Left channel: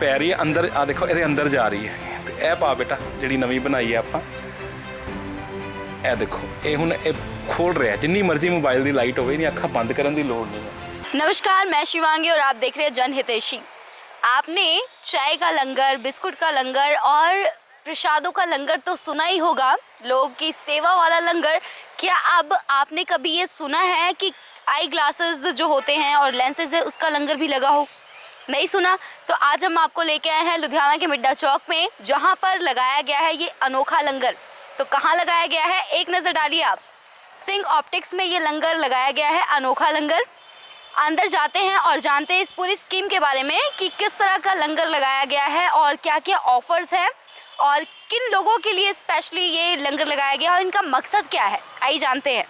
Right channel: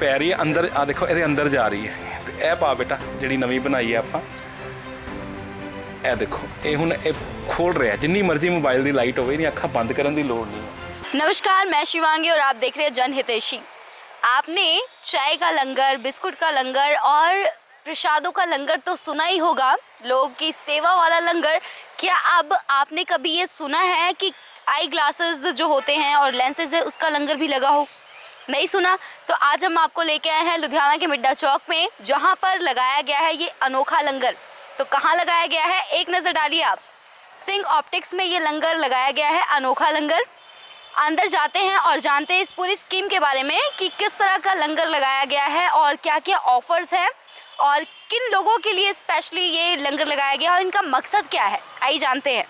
ਪੈ ਰਹੀ ਹੈ ਅੰਦਰ ਆ ਦੇਖੋ ਇਹਦੇ ਅੰਦਰ ਜਾ ਰਹੀ ਹੈ ਤੇ ਇਹ ਪਾ ਬੇਟਾ ਜਿਹੜੀ ਨਵੀਂ ਬਣਾਈ ਹੈ ਆਪਾਂ ਇਹ ਦੇਖੋ ਇਹ ਹੁਣ ਇਹ खोल रहा है जिन्नी मर्जी मोबाइल की लाइट होवे नहीं अखा बंद करने की लोड़ नहीं है। नमस्कार, मैं शिवांगी और आप देख रहे हैं जनहितैषी। आपने चाय का लंगर, बिस्कुट का लंगर और प्रसादों का लंगर तो सुना ही होगा, लोगों की सेवा वाला लंगर। क्या अब आपने कभी ये सुना है कि आई ग्लासेस जो होते हैं और लेंसेज है उसका लंगर भी लगा हो? नहीं सुना? तो आज हम आपको लेके आए हैं लुधियाना के मिड्डा चौक में, जहाँ पर लगाया गया है ये अनोखा लंगर। तो कहाँ लगाया गया है, एक नज़र डालिए आप। सिंह ऑप्टिक्स में ये लंगर लगाया गया है, अनोखा लंगर। अंदर जाते हैं और जानते हैं इस पूरी स्कीम के बारे में कि किस तरह का लंगर लगाया गया है और क्या क्या ऑफर्स हैं और किन लोगों के लिए स्पेशली ये लंगर लगाया गया है और इनका मकसद क्या है। आइए जानते हैं।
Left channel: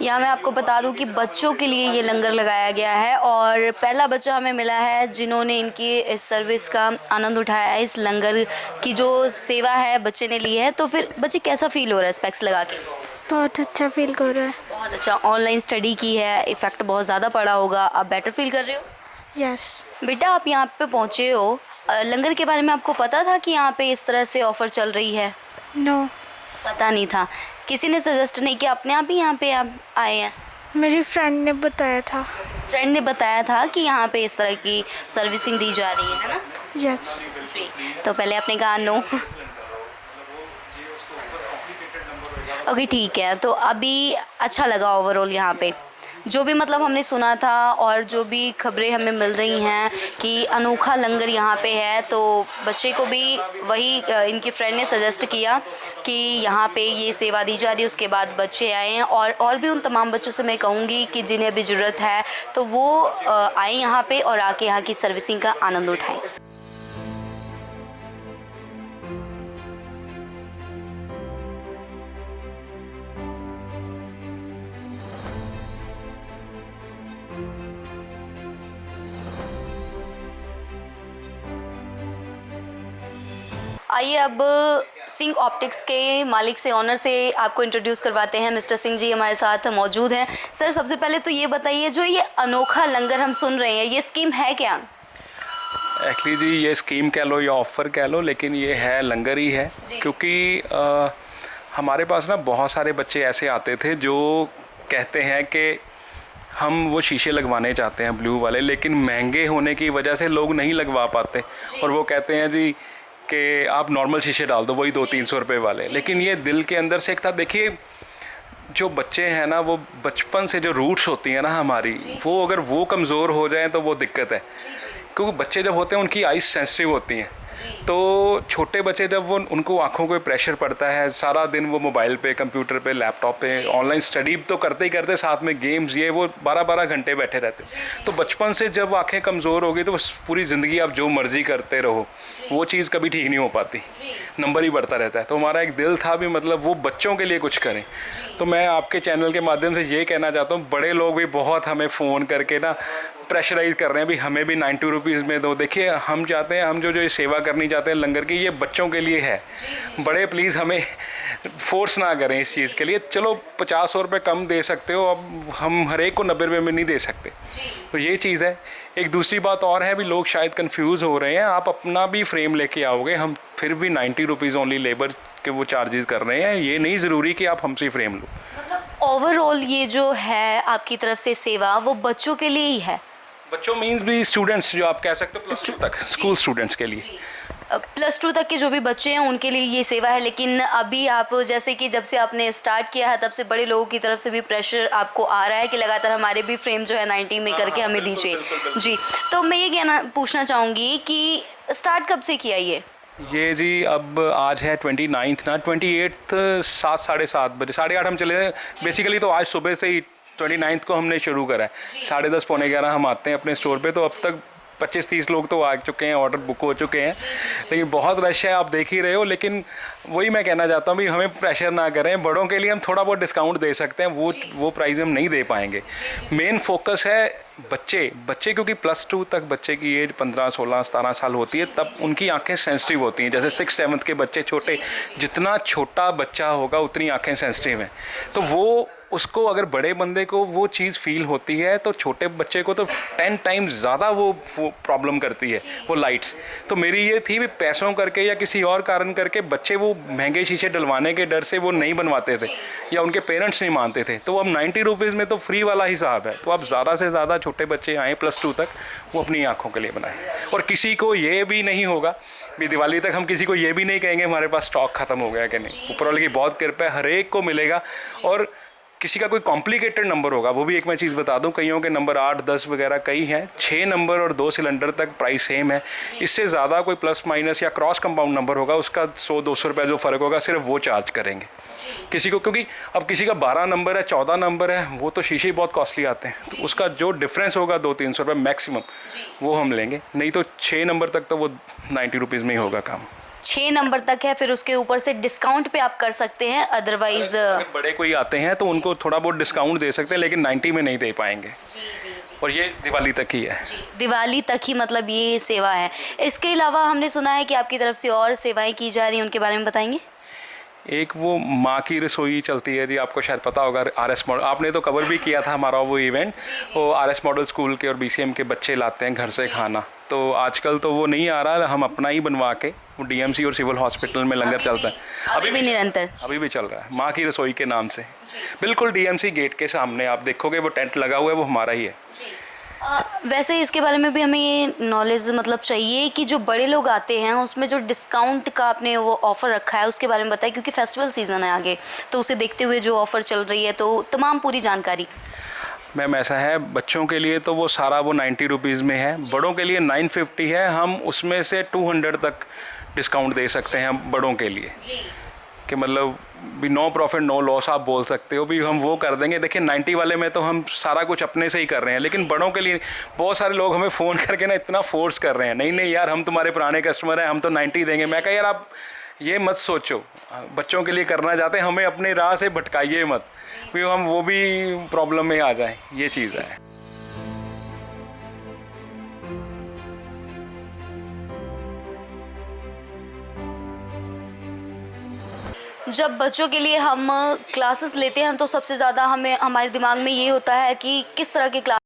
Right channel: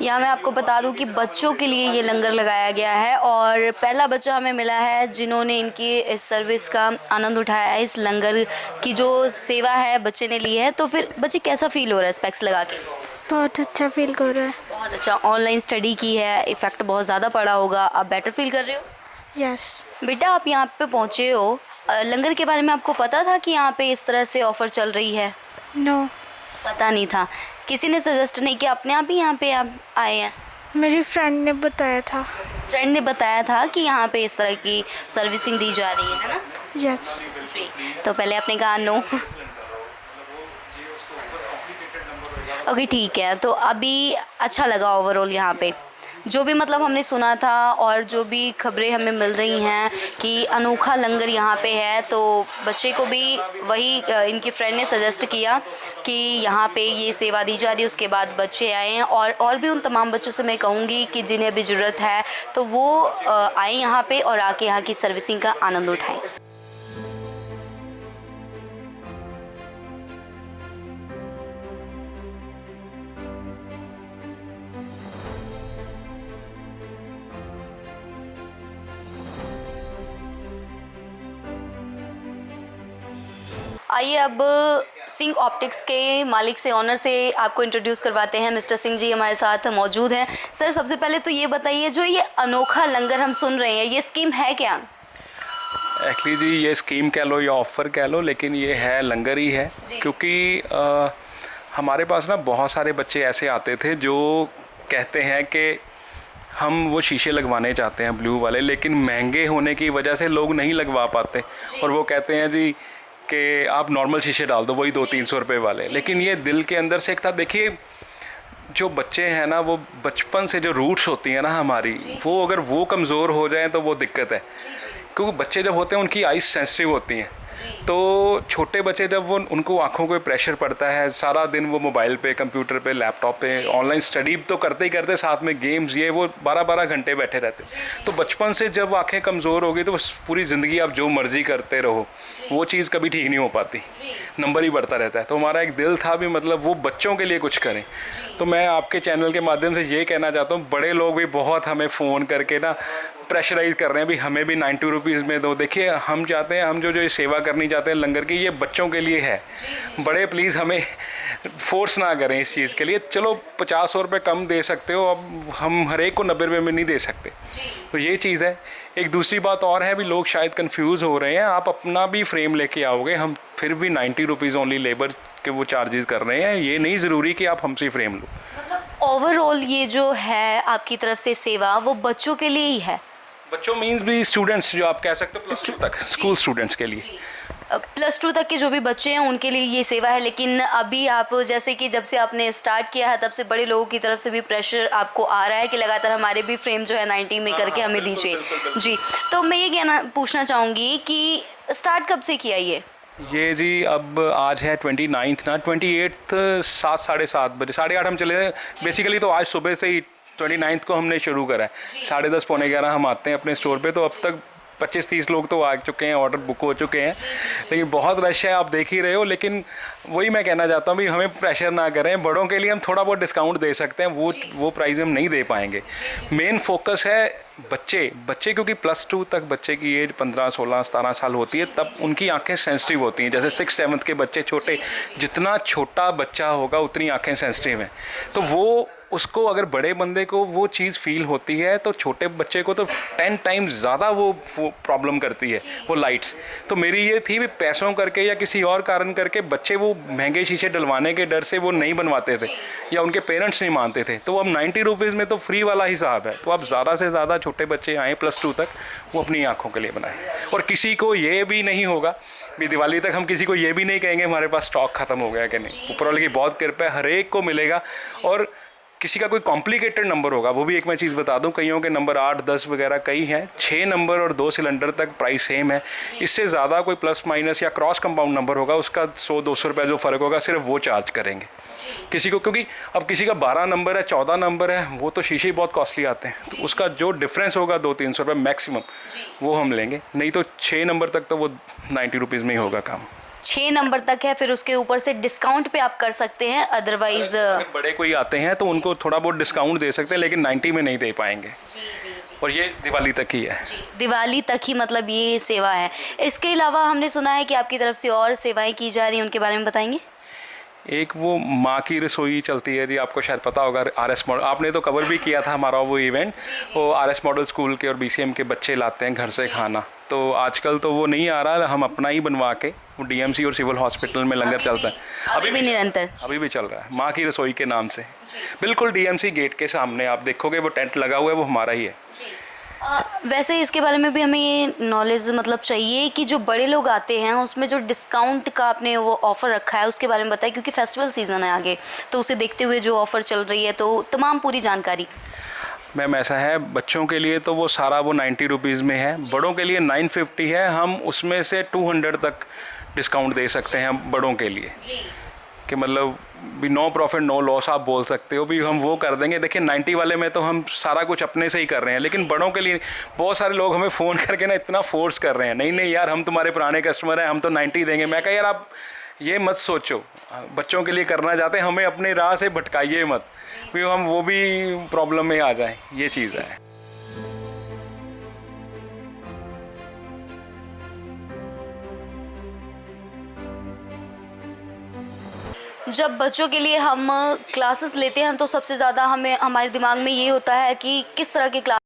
यहाँ मैं आपको बता दूं कि बच्चों के लिए ये लंगर लगाया गया है और पहला बच्चा हमें मिला है जिन्होंने इनकी इस सर्विस का आनंद उठाया है। इस लंगर की जो सेवा है बच्चे ने ली है, तो फिर बच्चे कैसा फील हो रहा है स्पेक्स लगा के? बहुत अच्छा फील कर रहा है। बहुत अच्छा। ऑनलाइन स्टडी की है, इफ़ेक्ट बहुत ज़्यादा पड़ा होगा, आप बेटर फील कर रहे हो? यस। बेटा आप यहाँ पे पहुँचे हो, लंगर के बारे में आपको पता था कि यहाँ पे इस तरह से ऑफ़र चल रही है? नो, पता नहीं था। किसी ने सजेस्ट नहीं किया, अपने आप ही यहाँ पे आप आए हैं? मेरी फ्रेंड ने बताया था। फ्रेंड ने बताया था कि यहाँ पे इस तरह की सर्विसिंग दी जा रही है ना? यस। जी। तो पहले आपने कहा नो। ओके ठीक है। तो अभी अच्छा लगा ओवरऑल यहाँ पे जो भी मतलब हमने सुना था और जो भी खबरें हमें मिल रही हैं कि अनोखा लंगर यहाँ पे है, तो बच्चे को भी वही इनकी फ्रेंड ने सजेस्ट किया कि यहाँ पे ये सेवा दी जा रही है। उसके बाद बच्चे आए हैं और भी उन तमाम बच्चों से मैं कहूँगी कि जिन्हें भी ज़रूरत है तो वो आए यहाँ पे और आके यहाँ की सर्विसिंग का आनंद उठाएँ। आइए अब सिंह ऑप्टिक्स के मालिक से, ऑनर से आपको इंट्रोड्यूस करवाते हैं। मिस्टर सिंह जी हमारे साथ मौजूद हैं। सर सबसे पहले तो ये बताइए, जो ये अनोखा लंगर हम सुन रहे हैं, ये स्कीम है क्या? एक्चुअली जी ये स्कीम कह लो या ऑफ़र कह लो, लेकिन ये है लंगर ही है। क्योंकि हमारे पास ना बहुत सारे बच्चे ऐसे आते थे जो कहते हैं कि हम वो शीशे लगवाने चाहते हैं ब्लू वाले, लेकिन महंगे होने की वजह से लोग नहीं लगवा पाते और वो कहते हैं जी कि आप नॉर्मल शीशे डाल दो, वही 200-300 रुपये वाले। लेकिन ये दिल के अंदर से एक था। देखिए जो बच्चे हैं ना, वो बचपन से जो रूट्स होती हैं ना हमारी, वो अगर वो कमज़ोर हो जाएं तो वो दिक्कत है। क्योंकि बच्चे जब होते हैं उनकी आइज़ सेंसिटिव होती हैं, तो छोटे बच्चे जब वो उनको आँखों पे प्रेशर पड़ता है, सारा दिन वो मोबाइल पे, कंप्यूटर पे, लैपटॉप पे ऑनलाइन स्टडी तो करते ही करते, साथ में गेम्स, ये वो 12-12 घंटे बैठे रहते। तो बचपन से जब आँखें कमज़ोर हो गई तो पूरी ज़िंदगी आप जो मर्ज़ी करते रहो, वो चीज़ कभी ठीक नहीं हो पाती, नंबर ही बढ़ता रहता है। तो हमारा एक दिल था भी मतलब वो बच्चों के लिए कुछ करें। तो मैं आपके चैनल के माध्यम से ये कहना चाहता हूँ, बड़े लोग भी बहुत हमें फ़ोन करके ना प्रेशराइज़ कर रहे हैं भी हमें भी 90 रुपीज़ में दो। देखिए हम चाहते हैं, हम जो ये सेवा करनी चाहते हैं लंगर की, ये बच्चों के लिए है। बड़े प्लीज़ हमें फोर्स ना करें इस चीज़ के लिए। चलो 50-100 रुपये कम दे सकते हो, अब हम हर एक को 90 रुपये में नहीं दे सकते। तो ये चीज़ है। एक दूसरी बात और है भी, लोग शायद कंफ्यूज हो रहे हैं, आप अपना भी फ्रेम लेके आओगे, हम फिर भी 90 रुपीज़ ओनली लेबर के वो चार्जेस कर रहे हैं। ये नहीं ज़रूरी कि आप हमसे फ्रेम लो। मतलब ओवरऑल ये जो है आपकी तरफ से सेवा, वो बच्चों के लिए ही है? बच्चों मीन्स भी स्टूडेंट्स, जो आप कह सकते हो +2 तक, स्कूल स्टूडेंट्स के लिए। +2 तक के जो भी बच्चे हैं उनके लिए ये सेवा है। लेकिन अभी आप जैसे कि जब से आपने स्टार्ट किया है तब से बड़े लोगों की तरफ से भी प्रेशर आपको आ रहा है कि लगातार हमारे भी फ्रेम जो है 90 में करके हमें दीजिए। जी। तो मैं ये पूछना चाहूँगी कि स्टार्ट कब से किया ये जी अब आज है 29 ना, 28 7 साढ़े 7 बजे, 8:30 हम चले। बेसिकली तो आज सुबह से ही 29 को हमने शुरू करा है। 10:30 पौने 11 हम आते हैं अपने स्टोर पे, तो अब तक 25-30 लोग तो आ चुके हैं, ऑर्डर बुक हो चुके हैं, लेकिन बहुत रश है, आप देख ही रहे हो। लेकिन वही मैं कहना चाहता हूँ भी हमें प्रेशर ना करें, बड़ों के लिए हम थोड़ा बहुत डिस्काउंट दे सकते हैं, वो प्राइस में हम नहीं दे पाएंगे। मेन फोकस है बच्चे क्योंकि +2 तक बच्चे की एज 15, 16, 17 साल होती है, तब उनकी आंखें सेंसिटिव होती हैं। जैसे 6th 7th के बच्चे छोटे, जितना छोटा बच्चा होगा उतनी आंखें सेंसिटिव हैं, तो वो उसको अगर बड़े बंदे को वो चीज़ फील होती है तो छोटे बच्चे को तो 10 टाइम्स ज़्यादा वो प्रॉब्लम करती है वो लाइट्स। तो मेरी ये थी भी पैसों करके या किसी और कारण करके बच्चे वो महंगे शीशे डलवाने के डर से वो नहीं बनवाते थे या उनके पेरेंट्स नहीं मानते थे। तो अब 90 रुपीज़ में तो फ्री वाला हिसाब है, तो अब ज़्यादा से ज़्यादा छोटे बच्चे आएँ +2 तक, वो अपनी आँखों के लिए बनाएं। और किसी को ये भी नहीं होगा भी दिवाली तक हम किसी को ये भी नहीं कहेंगे हमारे पास स्टॉक ख़त्म हो गया कि नहीं। ऊपर वाले की बहुत कृपा है, हर एक को मिलेगा। और किसी का कोई कॉम्प्लिकेटेड नंबर होगा, वो भी एक मैं चीज़ बता दूं, कईयों के नंबर 8, 10 वगैरह कई हैं, 6 नंबर और 2 सिलेंडर तक प्राइस सेम है। इससे ज़्यादा कोई प्लस माइनस या क्रॉस कंपाउंड नंबर होगा, उसका 100-200 रुपये जो फ़र्क होगा सिर्फ वो चार्ज करेंगे किसी को। क्योंकि अब किसी का 12 नंबर है, 14 नंबर है, वो तो शीशे बहुत कॉस्टली आते हैं, तो उसका जो डिफरेंस होगा 200-300 रुपये मैक्सिमम, वो हम लेंगे। नहीं तो 6 नंबर तक तो वो 90 रुपीज़ में ही होगा काम। 6 नंबर तक है, फिर उसके ऊपर से डिस्काउंट पे आप कर सकते हैं, अदरवाइज अगर बड़े कोई आते हैं तो उनको थोड़ा बहुत डिस्काउंट दे सकते हैं, लेकिन 90 में नहीं दे पाएंगे। और ये दिवाली तक ही है। दिवाली तक ही, मतलब ये सेवा है। इसके अलावा हमने सुना है कि आपकी तरफ से और सेवाएं की जा रही हैं, उनके बारे में बताएंगे? एक वो माँ की रसोई चलती है जी, आपको शायद पता होगा, RS मॉडल, आपने तो कवर भी किया था हमारा वो इवेंट। वो RS मॉडल स्कूल के और BCM के बच्चे लाते हैं घर से खाना, तो आजकल तो वो नहीं आ रहा, हम अपना ही बनवा के, वो DMC और सिविल हॉस्पिटल में लंगर चलता है अभी भी निरंतर, अभी भी चल रहा है, माँ की रसोई के नाम से। बिल्कुल DMC गेट के सामने आप देखोगे वो टेंट लगा हुआ है, वो हमारा ही है। वैसे इसके बारे में भी हमें ये नॉलेज मतलब चाहिए कि जो बड़े लोग आते हैं उसमें जो डिस्काउंट का आपने वो ऑफ़र रखा है उसके बारे में बताएं, क्योंकि फेस्टिवल सीज़न है आगे, तो उसे देखते हुए जो ऑफ़र चल रही है, तो तमाम पूरी जानकारी। मैम ऐसा है, बच्चों के लिए तो वो सारा वो 90 रुपीज़ में है, बड़ों के लिए 950 है। हम उसमें से 200 तक डिस्काउंट दे सकते हैं बड़ों के लिए, कि मतलब भी नो प्रॉफिट नो लॉस आप बोल सकते हो, भी हम वो कर देंगे। देखिए 90 वाले में तो हम सारा कुछ अपने से ही कर रहे हैं, लेकिन बड़ों के लिए बहुत सारे लोग हमें फ़ोन करके ना इतना फोर्स कर रहे हैं, नहीं नहीं यार हम तुम्हारे पुराने कस्टमर हैं, हम तो 90 देंगे। मैं कहा यार आप ये मत सोचो, बच्चों के लिए करना चाहते हैं, हमें अपनी राह से भटकाइए मत, फिर हम वो भी प्रॉब्लम में आ जाएं, ये चीज़ है। जब बच्चों के लिए हम क्लासेस लेते हैं तो सबसे ज़्यादा हमें हमारे दिमाग में ये होता है कि किस तरह के क्लास